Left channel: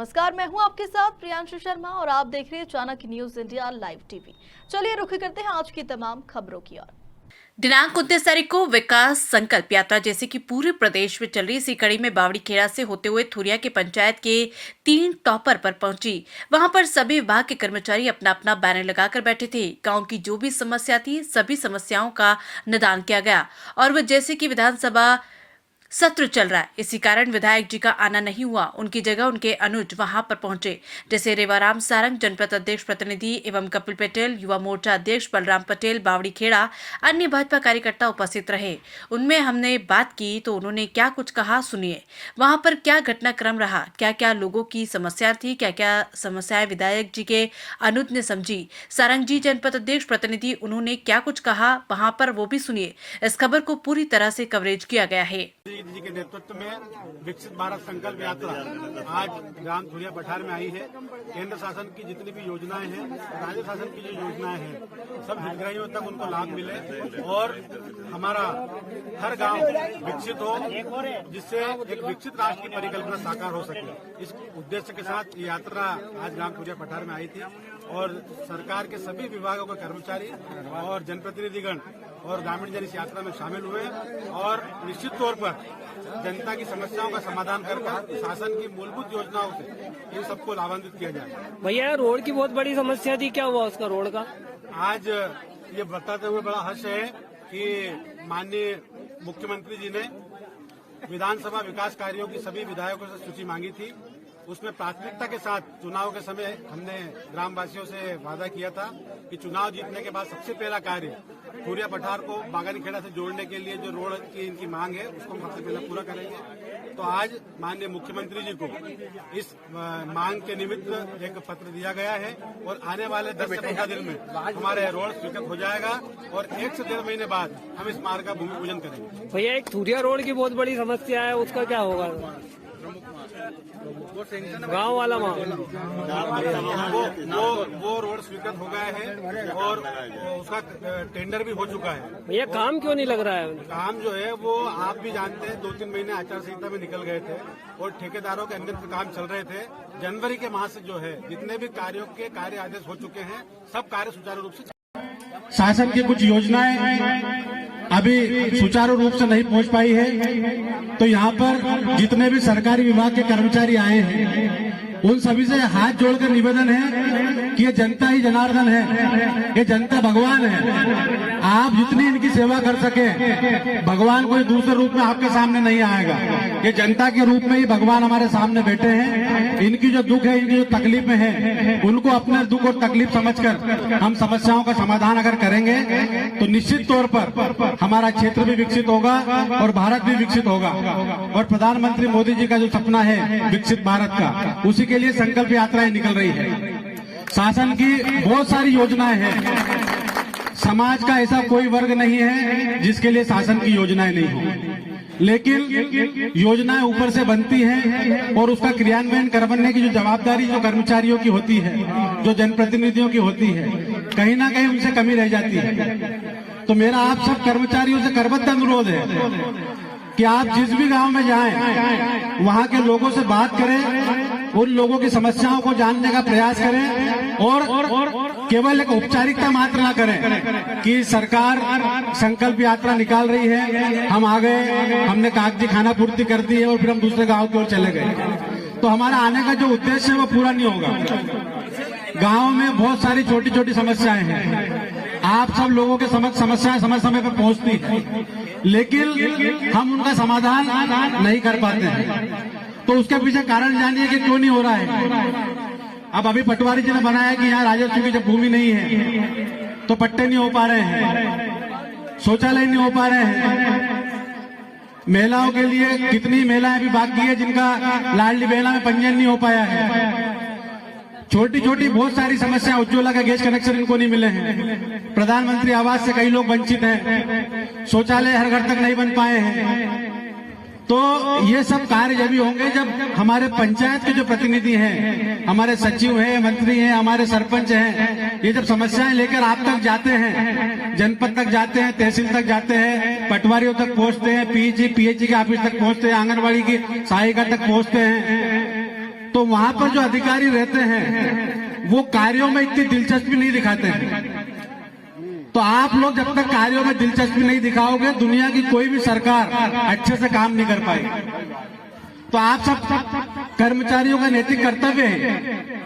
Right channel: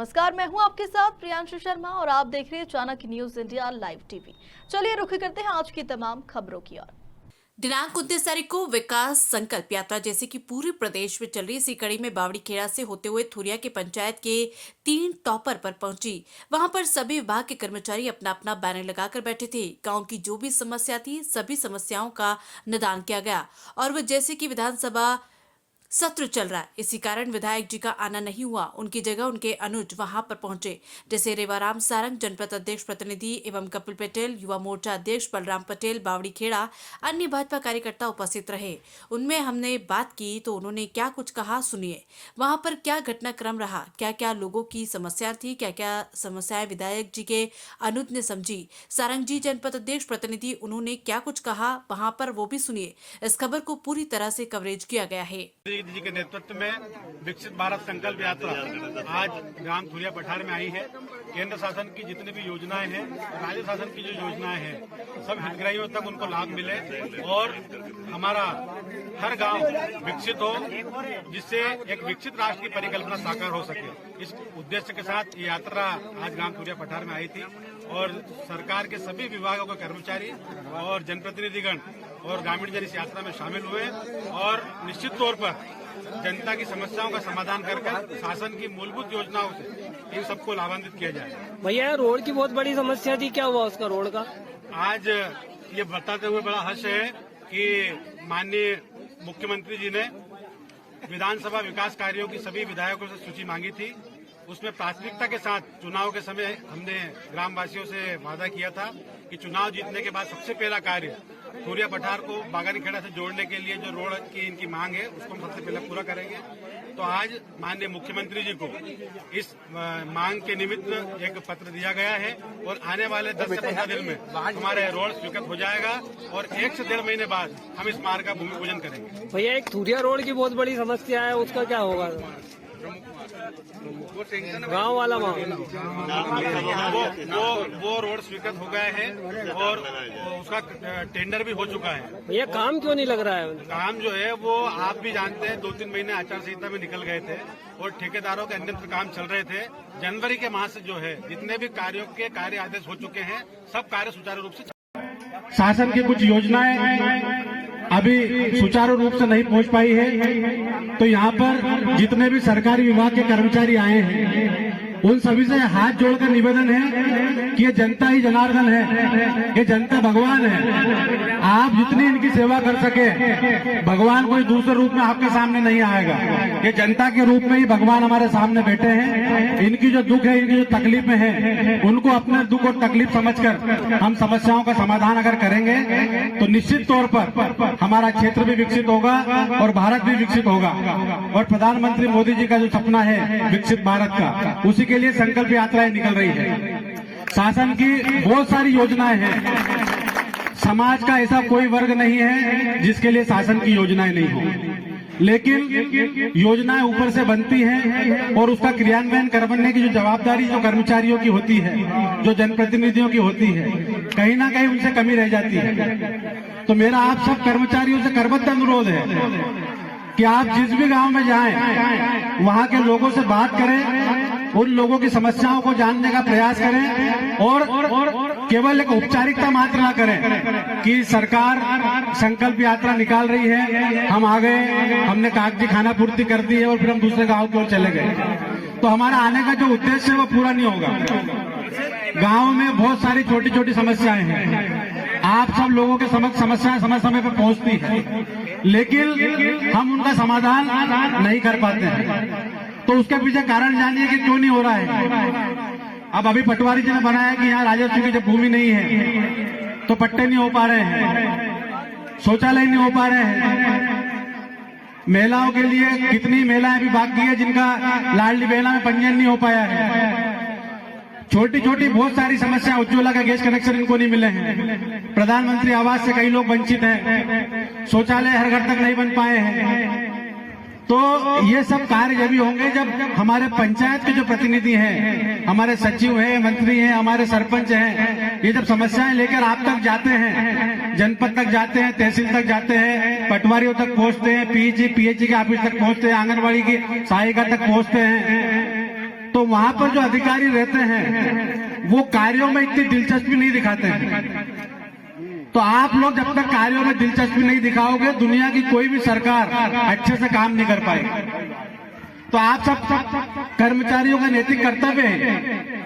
नमस्कार, मैं हूं आपके साथ प्रियांशु शर्मा और आप देख रहे हैं Chanakya news India live TV. चलिए रुख करते हैं आज की तमाम खबरों की ओर। दिनांक 29 तारीख को विकास संकल्प यात्रा जैसे कि पूरे प्रदेश में चल रही इसी कड़ी में बावड़ी खेड़ा से होते हुए थुरिया के पंचायत के 3 टॉपर पर पहुंची। वहां पर सभी विभाग के कर्मचारी अपना अपना बैनर लगाकर बैठे थे। गांव की जो भी समस्या थी सभी समस्याओं का निदान किया गया और वह जैसे कि विधानसभा सत्र चल रहा है, इसी कारण विधायक जी का आना नहीं हुआ। उनकी जगह उनके अनुज वहां पर पहुंचे, जैसे रेवाराम सारंग जनपद अध्यक्ष प्रतिनिधि एवं कपिल पटेल युवा मोर्चा अध्यक्ष बलराम पटेल बावड़ी खेड़ा, अन्य भाजपा कार्यकर्ता उपस्थित रहे। उनमें हमने बात की तो उन्होंने क्या कुछ कहा, सुनिए। वहां पर क्या घटनाक्रम रहा, क्या क्या लोगों की समस्या थी, क्या क्या समस्याएं विधायक जी के अनुज ने समझी। सारंग जी जनपद अध्यक्ष प्रतिनिधि उन्होंने क्या कुछ कहा वहां पर, वो भी सुनिए। इस खबर को पूरी तरह से कवरेज किया गया है। जी के नेतृत्व में विकसित भारत संकल्प यात्रा आज ग्राम थुरिया पठार में आई है। केंद्र शासन की जितनी भी योजनाएं हैं और राज्य शासन की जो योजनाएं हैं सब हितग्राहियों तक उनको लाभ मिले और हमारा हर गांव विकसित हो, जिससे एक विकसित राष्ट्र की परिकल्पना साकार हो सके। इस उद्देश्य के साथ ये यात्रा आज ग्राम थुरिया पठार में आई थी और सरकार के सभी विभागों के कर्मचारी और जनप्रतिनिधिगण और ग्रामीण जन इस यात्रा में शामिल हुए और निश्चित तौर पर जनता की समस्याओं का समाधान कर शासन की मूलभूत योजनाओं से इन सबको लाभान्वित किया जाए। भैया रोड की बहुत बड़ी समस्या थी, क्या हुआ उसका रोड का? आज ये बताते हुए बड़ा हर्ष है कि माननीय मुख्यमंत्री जी ने विधानसभा विकास कार्यों की सभी विधायकों से सूची मांगी थी। उसमें प्राथमिकता के साथ चुनाव के समय हमने ग्रामवासियों से वादा किया था कि चुनाव जीतने के बाद सबसे पहला कार्य थुरिया पठार को बागानी खेड़ा से जोड़ने के लिए जो रोड की इनकी मांग है उसको हम सबसे पहले पूरा करेंगे। तो आज माननीय मुख्यमंत्री जी को इस मांग के निमित्त एक पत्र दिया गया है और आने वाले 10 से 15 दिन में हमारे रोड स्वीकृत हो जाएगा और 1 से 1.5 महीने बाद हम इस मार्ग का भूमि पूजन करेंगे। भैया एक थुरिया रोड की बहुत बड़ी समस्या है, उसका क्या होगा? गांव वाला वो रोड स्वीकृत हो गया है और उसका टेंडर भी हो चुका है। भैया काम क्यों नहीं लग रहा है? काम जो है वो आप भी जानते हैं 2-3 महीने आचार संहिता में निकल गए थे और ठेकेदारों के अन्यत्र काम चल रहे थे। जनवरी के माह से जो है जितने भी कार्यों के कार्य आदेश हो चुके हैं सब कार्य सुचारू रूप से। शासन की कुछ योजनाएं अभी सुचारू रूप से नहीं पहुंच पाई है, तो यहाँ पर जितने भी सरकारी विभाग के कर्मचारी आए हैं उन सभी से हाथ जोड़कर निवेदन है कि ये जनता ही जनार्दन है, ये जनता भगवान है। आप जितनी इनकी सेवा कर सके, भगवान कोई दूसरे रूप में आपके सामने नहीं आएगा। ये जनता के रूप में ही भगवान हमारे सामने बैठे हैं। इनकी जो दुख है, इनकी जो तकलीफें हैं, उनको अपने दुख और तकलीफ समझकर हम समस्याओं का समाधान अगर करेंगे तो निश्चित तौर पर हमारा क्षेत्र भी विकसित होगा और भारत भी विकसित होगा। और प्रधानमंत्री मोदी जी का जो सपना है विकसित भारत का, उसी के लिए संकल्प यात्राएं निकल रही है। शासन की बहुत सारी योजनाएं हैं। समाज का ऐसा कोई वर्ग नहीं है जिसके लिए शासन की योजनाएं नहीं हो, लेकिन योजनाएं ऊपर से बनती हैं और उसका क्रियान्वयन करवाने की जो जवाबदारी जो कर्मचारियों की होती है, जो जनप्रतिनिधियों की होती है, कहीं ना कहीं उनसे कमी रह जाती है। तो मेरा आप सब कर्मचारियों से करबद्ध अनुरोध है कि आप जिस भी गांव में जाएं, वहां के लोगों से बात करें, उन लोगों की समस्याओं को जानने का प्रयास करें और केवल एक औपचारिकता मात्र न करें कि सरकार संकल्प यात्रा निकाल रही है, हम आ गए, हमने कागजी खाना पूर्ति कर दी है और फिर हम दूसरे गांव की ओर चले गए, तो हमारा आने का जो उद्देश्य है वो पूरा नहीं होगा। गांव में बहुत सारी छोटी छोटी समस्याएं हैं, आप सब लोगों के समक्ष समस्याएं समय समय पर पहुंचती है, लेकिन हम उनका समाधान नहीं कर पाते हैं। तो उसके पीछे कारण जानिए कि क्यों नहीं हो रहा है। अब अभी पटवारी जी ने बनाया कि यहाँ राजस्व की जब भूमि नहीं है तो पट्टे नहीं हो पा रहे हैं, शौचालय नहीं हो पा रहे हैं। महिलाओं के लिए कितनी महिलाएं अभी बाकी है जिनका लाडली बहना में पंजीयन नहीं हो पाया है। छोटी छोटी बहुत सारी समस्या, उज्ज्वला का गैस कनेक्शन इनको नहीं मिले हैं, प्रधानमंत्री आवास से कई लोग वंचित हैं, शौचालय हर घर तक नहीं बन पाए हैं। तो ये सब कार्य जब भी होंगे जब हमारे पंचायत के जो प्रतिनिधि हैं, हमारे सचिव हैं, मंत्री हैं, हमारे सरपंच हैं, ये जब समस्याएं लेकर आप तक जाते हैं, जनपद तक जाते हैं, तहसील तक जाते हैं, पटवारियों तक पहुंचते हैं, पीएचई के ऑफिस तक पहुंचते हैं, आंगनबाड़ी की सहायिका तक पहुंचते हैं, तो वहां पर जो अधिकारी रहते हैं वो कार्यों में इतनी दिलचस्पी नहीं दिखाते हैं। तो आप लोग जब तक कार्यों में दिलचस्पी नहीं दिखाओगे, दुनिया की कोई भी सरकार अच्छे से काम नहीं कर पाएगी। तो आप सब कर्मचारियों का नैतिक कर्तव्य है